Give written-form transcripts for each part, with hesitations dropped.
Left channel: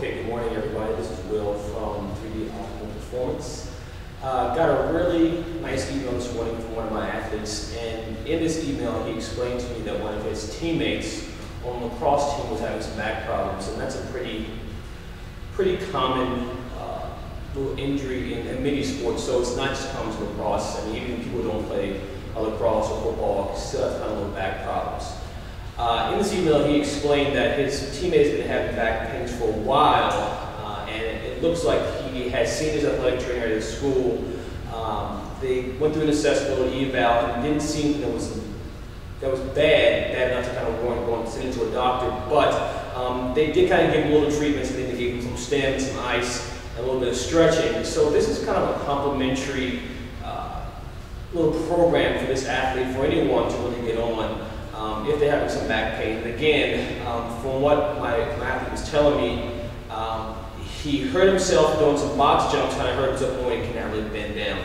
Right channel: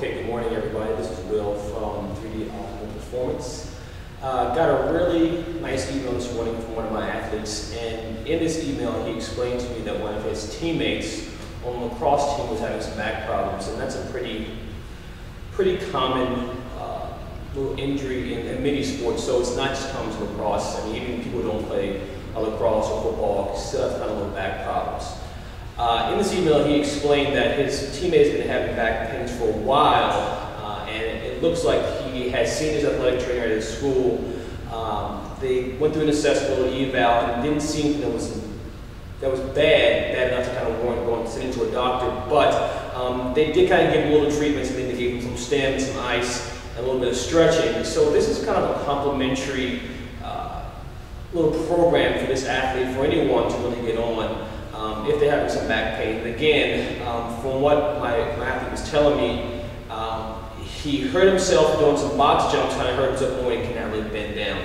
Okay, good morning everybody. This is Will from 3D Optimal Performance. Got a really nice email this morning from one of my athletes, and in this email he explained to me that one of his teammates on the lacrosse team was having some back problems, and that's a pretty common little injury in many sports, so it's not just common to lacrosse. I mean, even people who don't play lacrosse or football still have kind of little back problems. In this email, he explained that his teammate has been having back pains for a while, and it looks like he has seen his athletic trainer at his school. They went through an assessment, a little eval, and didn't see anything that was bad enough to kind of warrant going to send him to a doctor. But they did kind of give him a little treatment. So they gave him some stim, some ice, and a little bit of stretching. So this is kind of a complimentary little program for this athlete, for anyone to really get on. If they're having some back pain. And again, from what my athlete was telling me, he hurt himself doing some box jumps, kind of hurt himself when he cannot really bend down.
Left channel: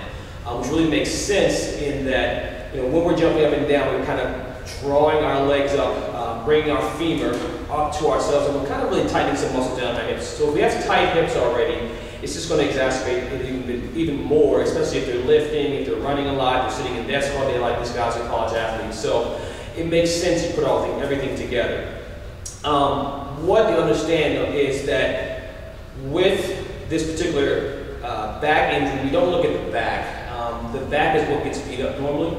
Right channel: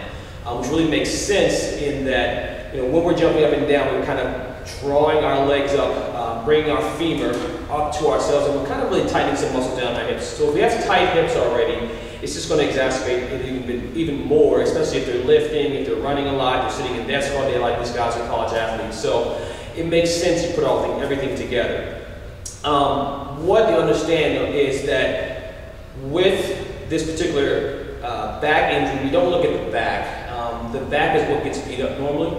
Which really makes sense in that, when we're jumping up and down, we're kind of drawing our legs up, bringing our femur up to ourselves, and we're kind of really tightening some muscle down our hips. So if we have tight hips already, it's just going to exacerbate it even more, especially if they're lifting, if they're running a lot, they're sitting in desks all day like these guys are college athletes. So it makes sense to put everything together. What you understand is that with this particular back injury, we don't look at the back. The back is what gets beat up normally.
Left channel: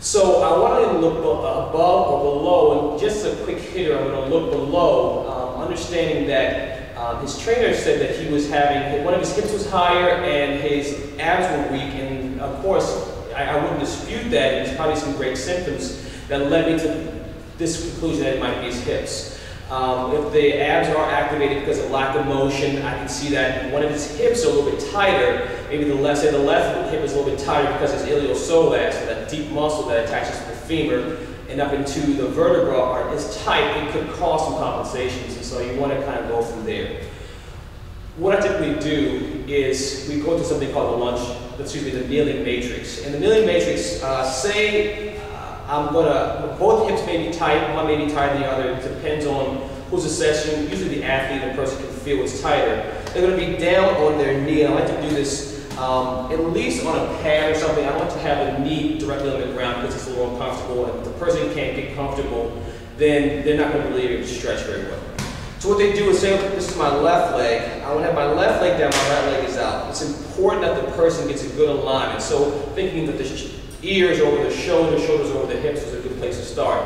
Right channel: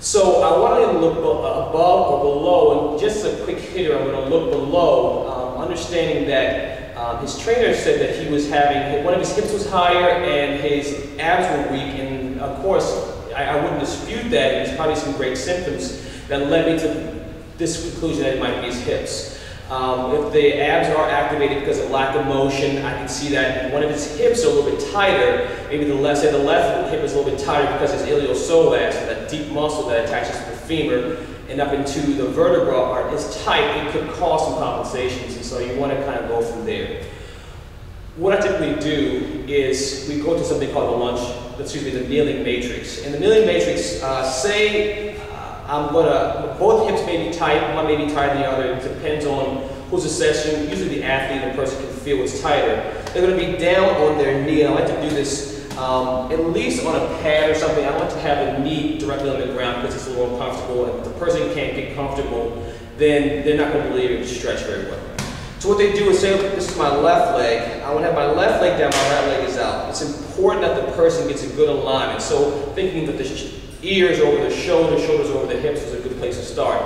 So I want to look above or below, and just a quick hitter, I'm going to look below, understanding that his trainer said that he was having, one of his hips was higher and his abs were weak, and of course, I wouldn't dispute that. There's probably some great symptoms that led me to this conclusion that it might be his hips. If the abs are activated because of lack of motion, I can see that one of his hips are a little bit tighter. Maybe the left hip is a little bit tighter because his iliopsoas, that deep muscle that attaches to the femur and up into the vertebra, is tight. It could cause some compensations, and so you want to kind of go from there. What I typically do is we go to something called the kneeling matrix. And the kneeling matrix, both hips may be tight, one may be tighter than the other. It depends on who's assessing. Usually the athlete and the person can feel what's tighter. They're going to be down on their knee, and I like to do this at least on a pad or something. I like to have the knee directly on the ground because it's a little uncomfortable, and if the person can't get comfortable, then they're not going to really be able to stretch very well. So what they do is say, this is my left leg. I want to have my left leg down, my right leg is out. It's important that the person gets a good alignment. So thinking that the ears over the shoulders over the hips is a good place to start.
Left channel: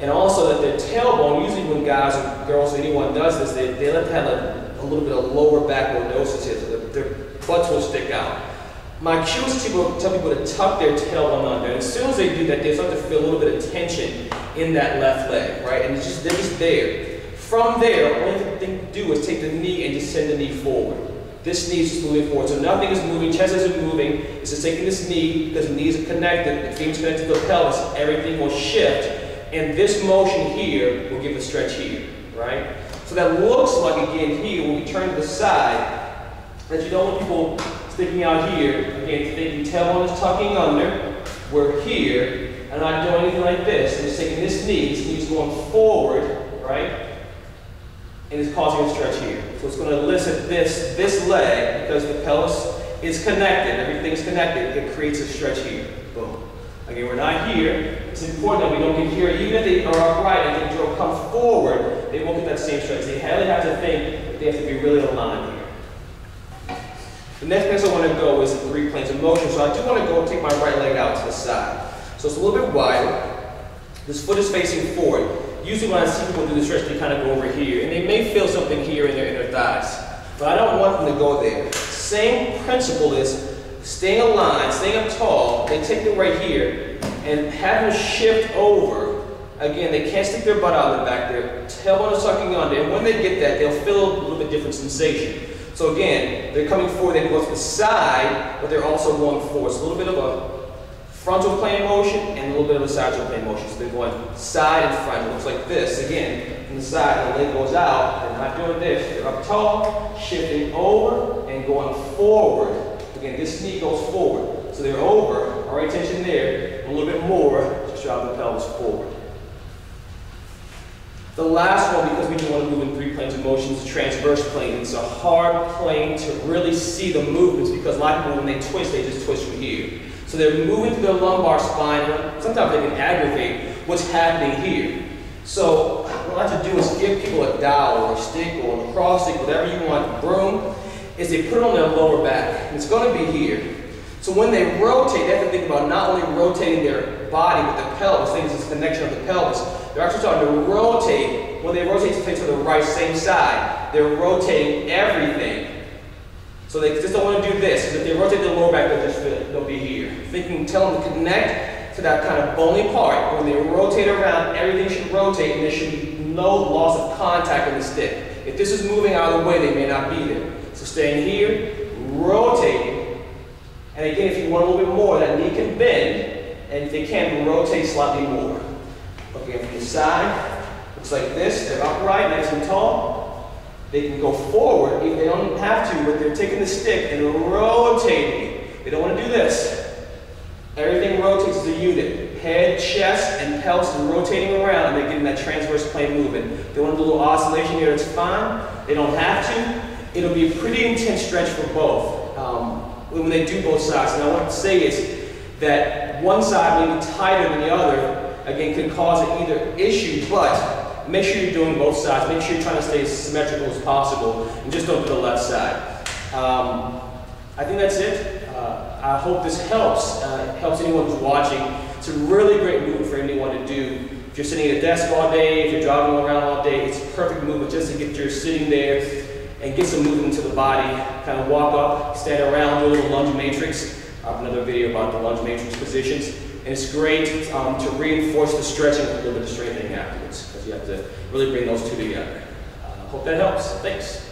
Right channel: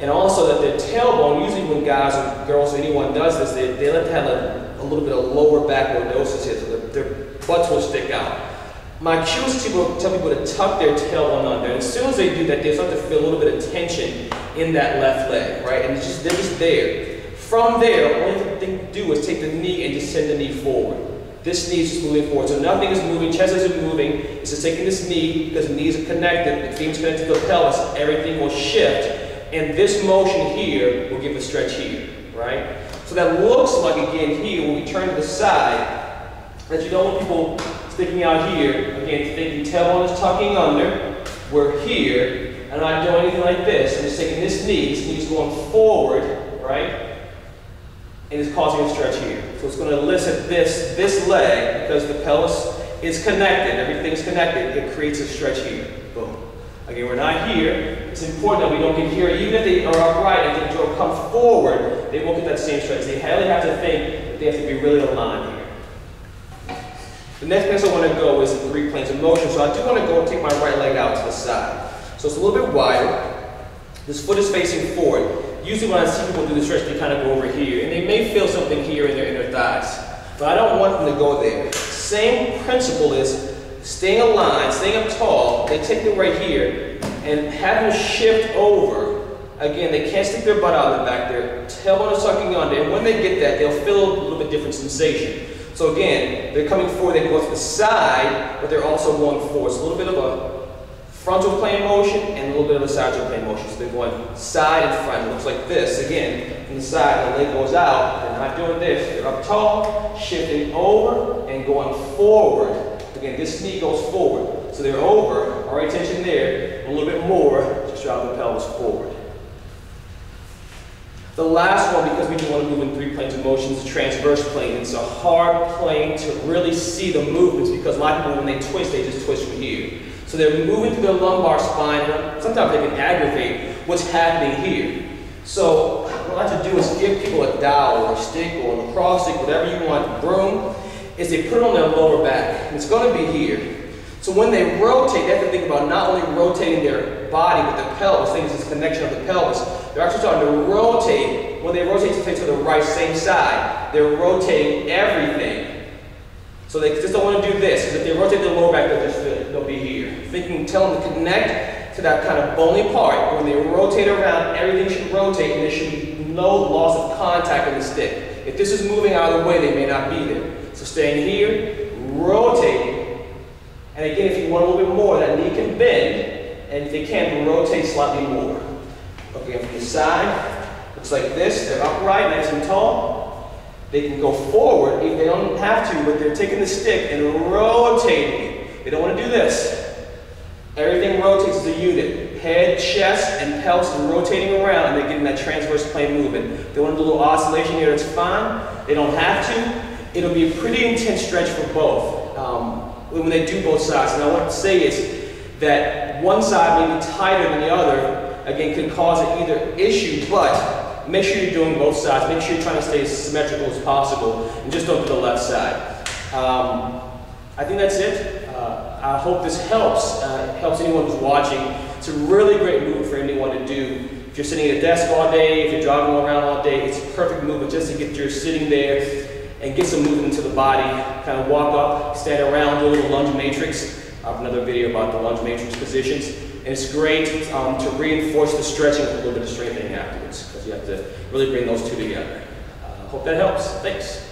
And also that their tailbone, usually when guys or girls or anyone does this, they like to have a little bit of lower back lordosis here, so that their butts will stick out. My cue is to tell people to tuck their tailbone under, and as soon as they do that, they start to feel a little bit of tension in that left leg, right? And they're just there. From there, the only thing to do is take the knee and just send the knee forward. This knee is just moving forward, so nothing is moving, chest isn't moving. It's just taking this knee, because the knees are connected, the femur is connected to the pelvis, everything will shift, and this motion here will give a stretch here, right? So that looks like, again, here, when we turn to the side, that you don't want people sticking out here, again, thinking tailbone is tucking under, we're here, and I'm not doing anything like this. I'm just taking this knee is going forward, right? And it's causing a stretch here. So it's going to elicit this leg, because the pelvis is connected, everything's connected, it creates a stretch here. Boom. Again, we're not here. It's important that we don't get here. Even if they are upright and they come forward, they won't get that same stretch. They really have to think that they have to be really aligned here. The next place I want to go is the 3 planes of motion. So I do want to go and take my right leg out to the side. So it's a little bit wider. This foot is facing forward. Usually when I see people do the stretch, they kind of go over here, and they may feel something here in their inner thighs, but I don't want them to go there. Same principle is staying aligned, staying up tall. They take them right here and have them shift over. Again, they can't stick their butt out of the back. Their tailbone is sucking under, and when they get that, they'll feel a little bit different sensation. So again, they're coming forward, they go to the side, but they're also going forward. It's a little bit of a frontal plane motion and a little bit of a sagittal plane motion. So they're going side and front. It looks like this. Again, from the side, the leg goes out. They're not doing this. They're up tall, shifting over, and going forward. Again, this knee goes forward. So they're over, alright, tension there, a little bit more, just drive the pelvis forward. The last one, because we do want to move in 3 planes of motion is the transverse plane. It's a hard plane to really see the movements because a lot of people, when they just twist from here. So they're moving through their lumbar spine. Sometimes they can aggravate what's happening here. So what I like to do is give people a dowel or a stick or a lacrosse stick, whatever you want, broom, is they put it on their lower back. And it's going to be here. So when they rotate, they have to think about not only rotating their body but the pelvis. Things this connection of the pelvis. They're actually starting to rotate. When they rotate to the right, same side, they're rotating everything. So they just don't want to do this. Because if they rotate their lower back, they'll be here. Tell them to connect to that kind of bony part. When they rotate around, everything should rotate, and there should be no loss of contact in the stick. If this is moving out of the way, they may not be there. So staying here, rotating. And again, if you want a little bit more, that knee can bend, and if they can, rotate slightly more. Again, from the side, looks like this. They're upright, nice and tall. They can go forward if they don't have to, but they're taking the stick and rotating it. They don't want to do this. Everything rotates as a unit. Head, chest, and pelvis are rotating around, and they're getting that transverse plane movement. If they want to do a little oscillation here, it's fine. They don't have to. It'll be a pretty intense stretch for both when they do both sides. And I want to say is that one side may be tighter than the other, again, could cause either issue, but make sure you're doing both sides. Make sure you're trying to stay as symmetrical as possible, and just don't do the left side. I think that's it. I hope this helps anyone who's watching. It's a really great movement for anyone to do. If you're sitting at a desk all day, if you're jogging around all day, it's a perfect movement just to get your sitting there and get some movement into the body. Kind of walk up, stand around, do a little lunge matrix. I have another video about the lunge matrix positions. And it's great to reinforce the stretching with a little bit of strengthening afterwards, because you have to really bring those two together. Hope that helps. Thanks.